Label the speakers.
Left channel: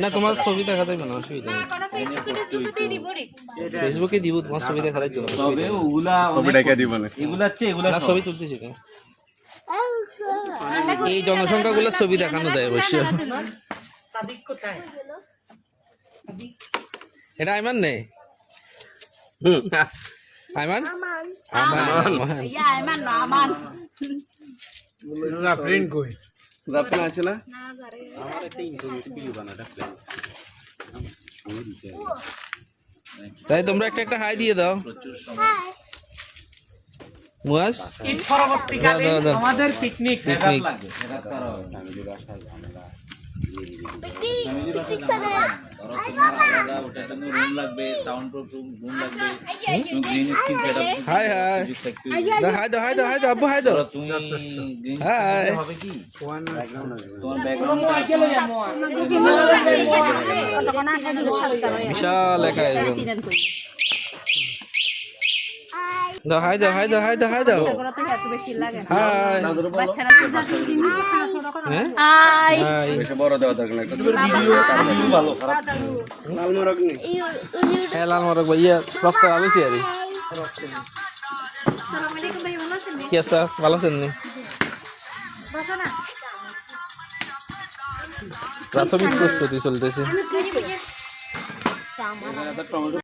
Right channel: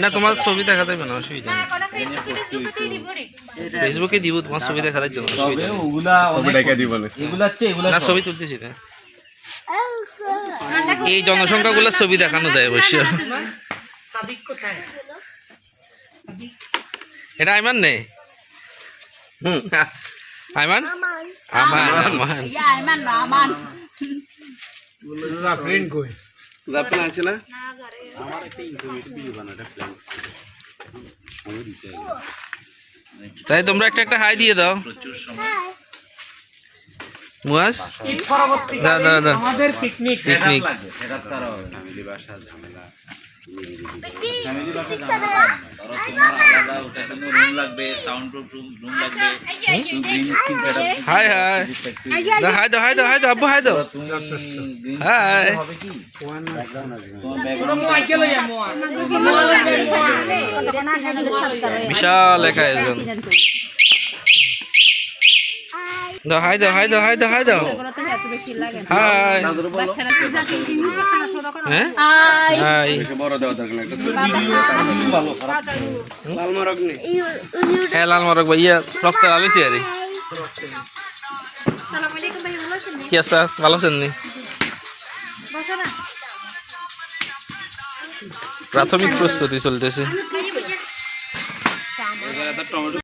Speaker 1: না যাবে
Speaker 2: তোমার ছবি দেখা দেবে না অসুবিধা নেই। ফেসবুকে দিব তোমার ছবি দেখা দেওয়ার জন্য ছবি তুলতেছি না এই জনসংখ্যাগুলো ছবি দেখানো যায় অবশ্য। এটা আইমান নেই আইমান? আমান। আমান
Speaker 3: প্রিন্ট কই?
Speaker 1: আছে না?
Speaker 2: তাই তোমরা একটা একটা হাই দিয়ে দাও। মুয়াজ
Speaker 3: ঈদ
Speaker 2: দাও।
Speaker 3: আমাদের পিকনিক
Speaker 2: পিকনিক
Speaker 4: লাগবে সেটা ছাড়া হবে না
Speaker 1: ফ্যামিলি বাসা ঝামেলা।
Speaker 2: Hi hi. হাই দাও হাই দাও হাই দাও আব্বু হাই দাও। হাই। বিশাল এক আয়োজন দাও হাই দাও হাই দাও হাই দাও হাই দাও। হাই। হ্যাঁ? হাই।
Speaker 1: লাল মারক নেই
Speaker 2: হ্যাঁ লাল মারক ভাই ইয়া রক্ত আলুছি আরে। কি আছে? ভালো আছেন নি? প্রাথমিক প্রস্তুতি চলতেছে।